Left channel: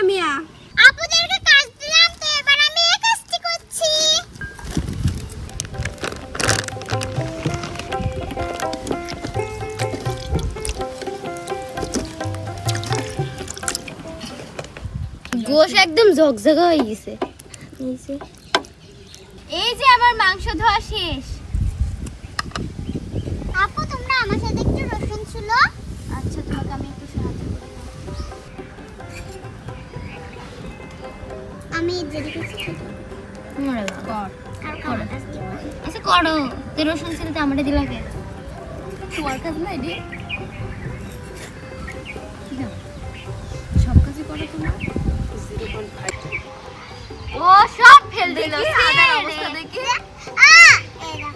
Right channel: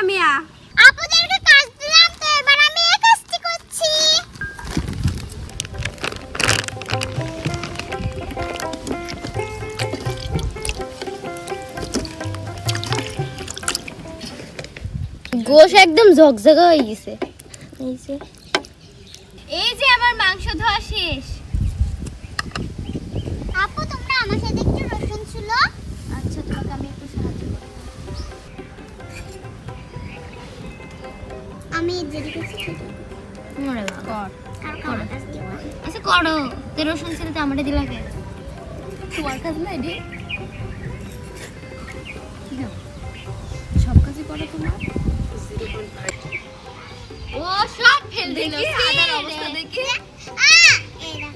জামিয়া। আপুদেরকে কাজ দিলাম তো এবার আমি এই কাজটি করছি। গোশ একদম ঝকঝকে হয়ে গেছে। এই যে আমার মাংস ধোয়া শেষ। আপু তোমরা আমার সাথে একটু রসুন ছিল। আচ্ছা তোমাকে আমি একটু সাহায্য করি। আমি যেটা করছি মরে বাবা আর কারো কাজ দিব। আচ্ছা করো, তুই রসুন ছিল তো আমারে দিলা কে? তোমার কাজ না এডি? সব কাজই করো তোমার? ও সব ফেল দিল। আদার অবস্থা দেখি। এরা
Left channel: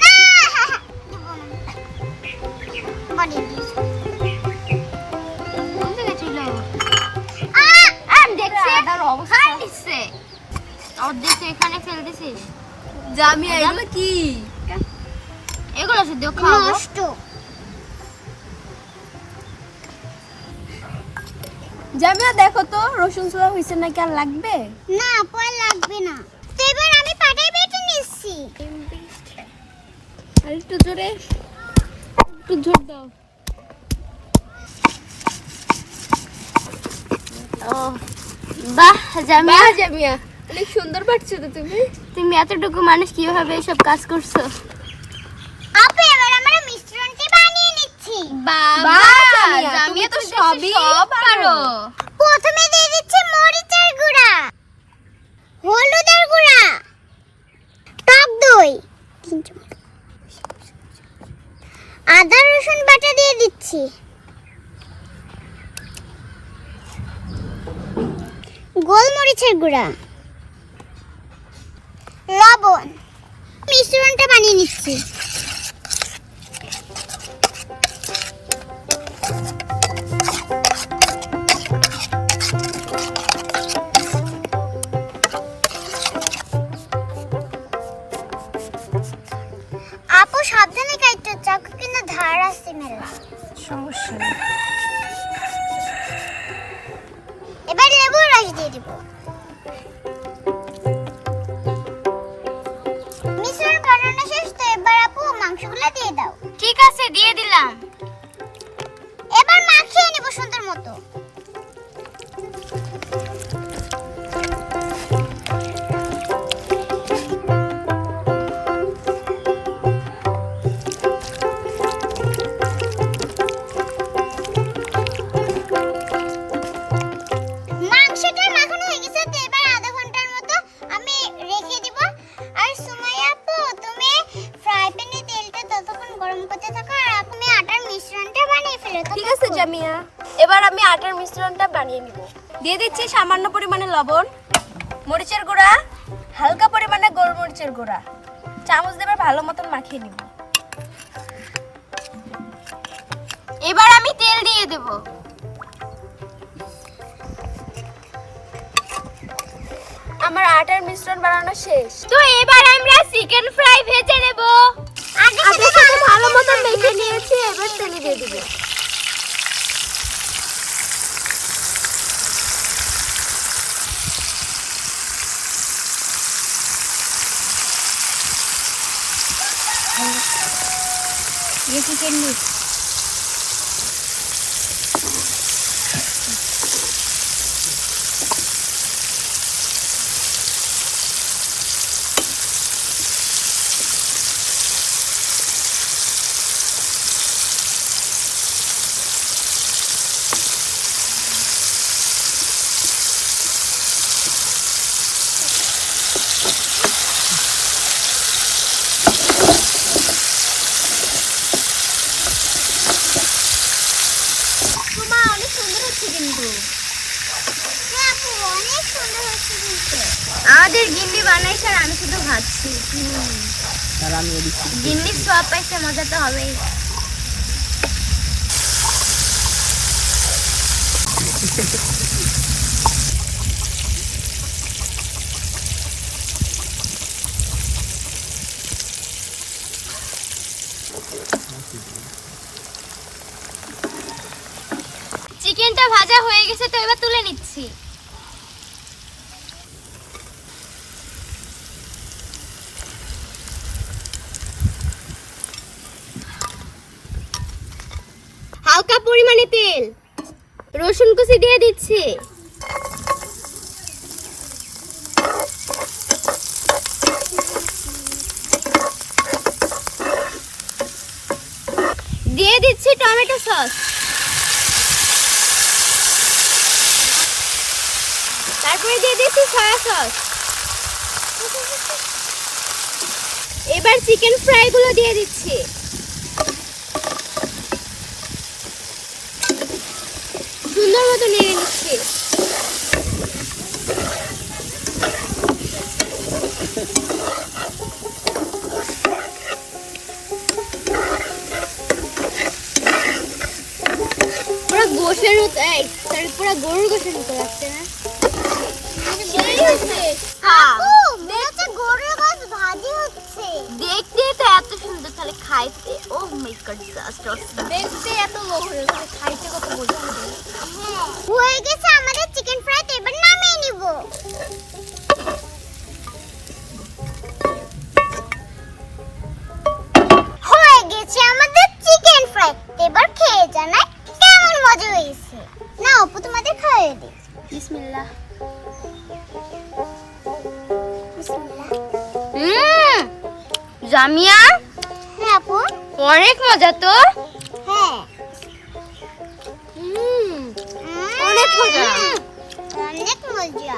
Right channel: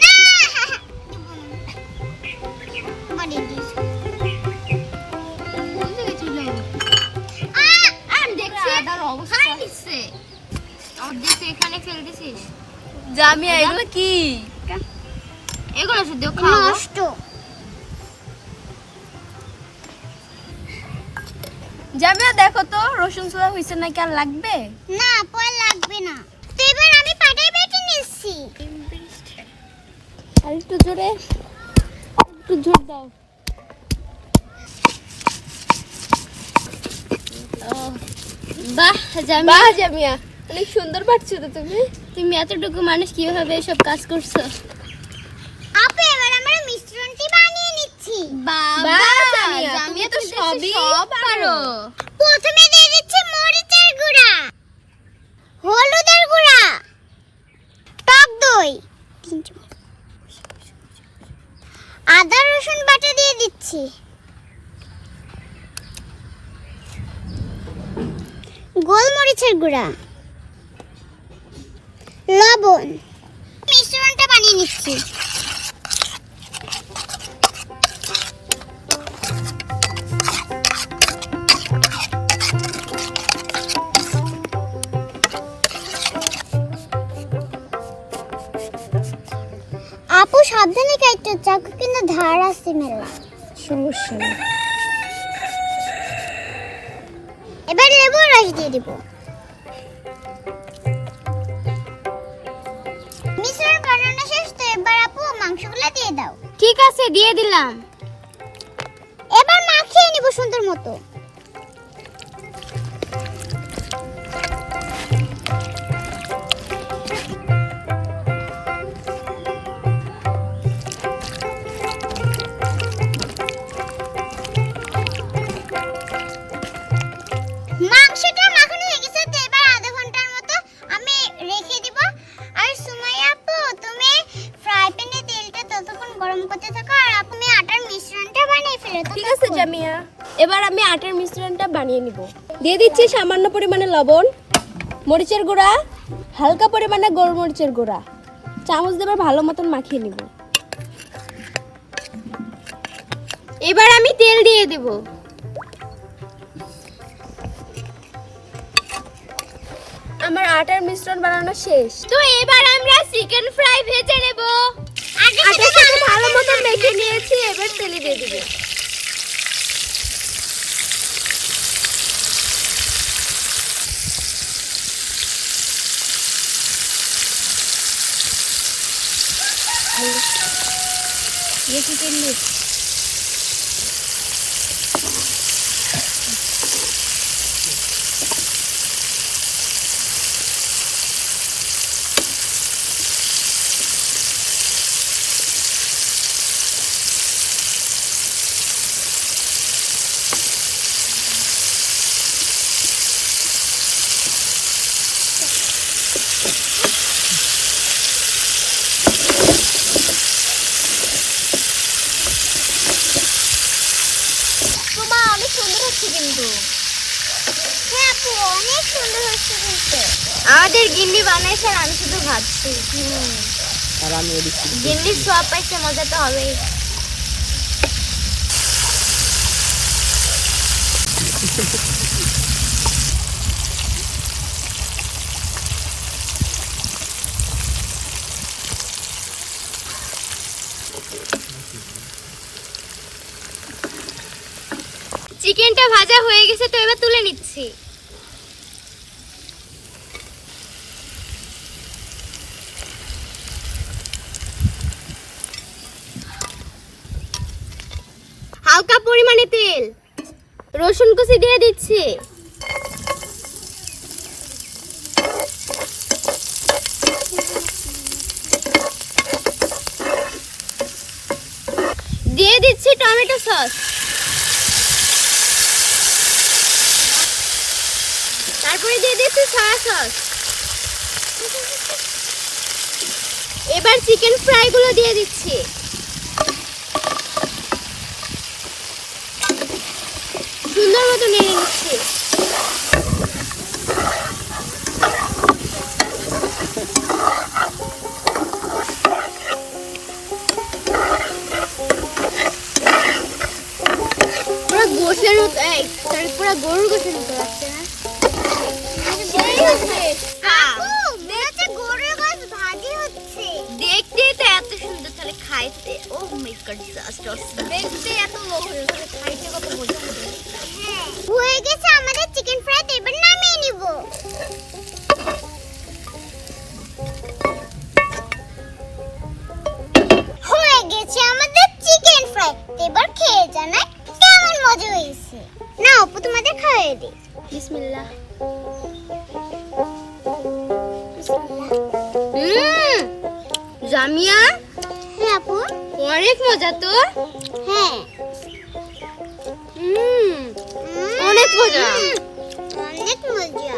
না বডি দিস। কোন জায়গায় ছিল? আমি দেখছি আদার অবস্থা। খাই নিচ্ছে। অর্ধেক তো এখানে ফেল দিছিস। জামিয়া এগুলো কি? এগুলো শুধু খাও। নষ্ট। জামিয়া দেখো তো রসুন ছোড়া হইছে নাকি আর লাগবে? না পর লাগবে না। তো এবার আমি পাটাই বেটে নিচ্ছি। আর একটু জোরে, একটু জোর দাও। ও বাহ জামিয়া, বাহ জামিয়া, অনেক সুন্দর পাচ্ছো তো তুমি। তুমি এতটুকু মানুষ কিভাবে এসব কাজ করছো? আপু এবার আমরা মিশ্রণটি বানিয়ে নিচ্ছি। বাহ জামিয়া, তুমি তো সবই পারো। প্রথমে দিয়ে দিচ্ছি মরিচের গুঁড়া, হলুদের গুঁড়া, টক দই, আদা রসুন বাটা দিয়ে দিচ্ছি, গোলমরিচের গুঁড়া, লবণ। মিশ্রণটা বানিয়ে নিচ্ছি। আপু সাবধানে কাটতে, চাকু কিন্তু ধার আছে মেলা। সমস্যা নেই। এবার লেবুর রস দিয়ে দিব। মিশ্রণ বানানো শেষ তো এবার আপু মাংসগুলো দিয়ে দাও। ঠিক আছে দিয়ে দিলাম। এবার মাখিয়ে নিব সুন্দর মতো। মাংসটা মাখানো হয়ে গেছে তো এবার আধা ঘন্টার মতো আমি রেখে দিব। আর সুমাইয়া আপু তুমি ফ্রাই প্যানে তেলটা ততক্ষণ গরম করতে থাকো আর আপনি আটার মিশ্রণটা বানিয়ে ফেলো। ঠিক আছে জামিয়া, এবার আমি আটার মিশ্রণটা বানিয়ে নিব। দিয়ে দিচ্ছি সামান্য পরিমাণে লবণ, মরিচের গুঁড়া, হালকা পরিমাণে গোলমরিচের গুঁড়া। চামচ দিয়ে ভালো মতন মাখিয়ে নিব। এবার আমি তেল দিয়ে দেব। আমার আটার মিশ্রণ বানানো শেষ। তো এবার আমরা চিকেন ফ্রাই ভেজে নেব। আটার সাথে ভালো মতন মেখে নিয়েছি, এবার তেলে দিয়ে দেব। তোমা অনেক সুন্দর হচ্ছে কিন্তু। হ্যাঁ আপু অনেক সুন্দর হচ্ছে কিন্তু। আমাদের গিন্নি বানাইছে আর আমি শুধু ভাজছি। গিন্নির সব পাইছে, মজা তো হবেই। চিকেনটা ভাজা হয়ে গেছে, তো এবার তুলে নিচ্ছি। হালকা পরিমাণে তেল, রসুন কুচি দিয়ে দিচ্ছি। দিয়ে দিচ্ছি টমেটো সস, তারপরে দিয়ে দিচ্ছি সয়া সস। এবার চিকেন ফ্রাই গুলো দিয়ে দিচ্ছি। সুন্দর মতো নেড়ে নিচ্ছি। পুরো গোশের মতো, পুরো গরুর গোশের মতো লাগছে না? আপু মনে হচ্ছে গরুর গোশত ভাজি হচ্ছে। দেখতে তো এত সুন্দর, তাহলে খাইতে ও মাই গড, জাস্ট অসাম। দেখতে এত লোক হয়ে গেছে, খাইতে কত মজা হবে। হয়ে গেছে আমাদের চিকেন ফ্রাই, তো এবার নামিয়ে নিব। হয়ে গেছে আমাদের চিকেন ফ্রাই, এবার খেয়ে জানাই কেমন মজা হয়েছে। না আপু তোমাদের খাইয়ে দিই। বিসমিল্লাহ। বিসমিল্লাহ। জামিয়া, হ্যাঁ আপু। অনেক মজা তো। হ্যাঁ অনেক মজা। অনেক মজা।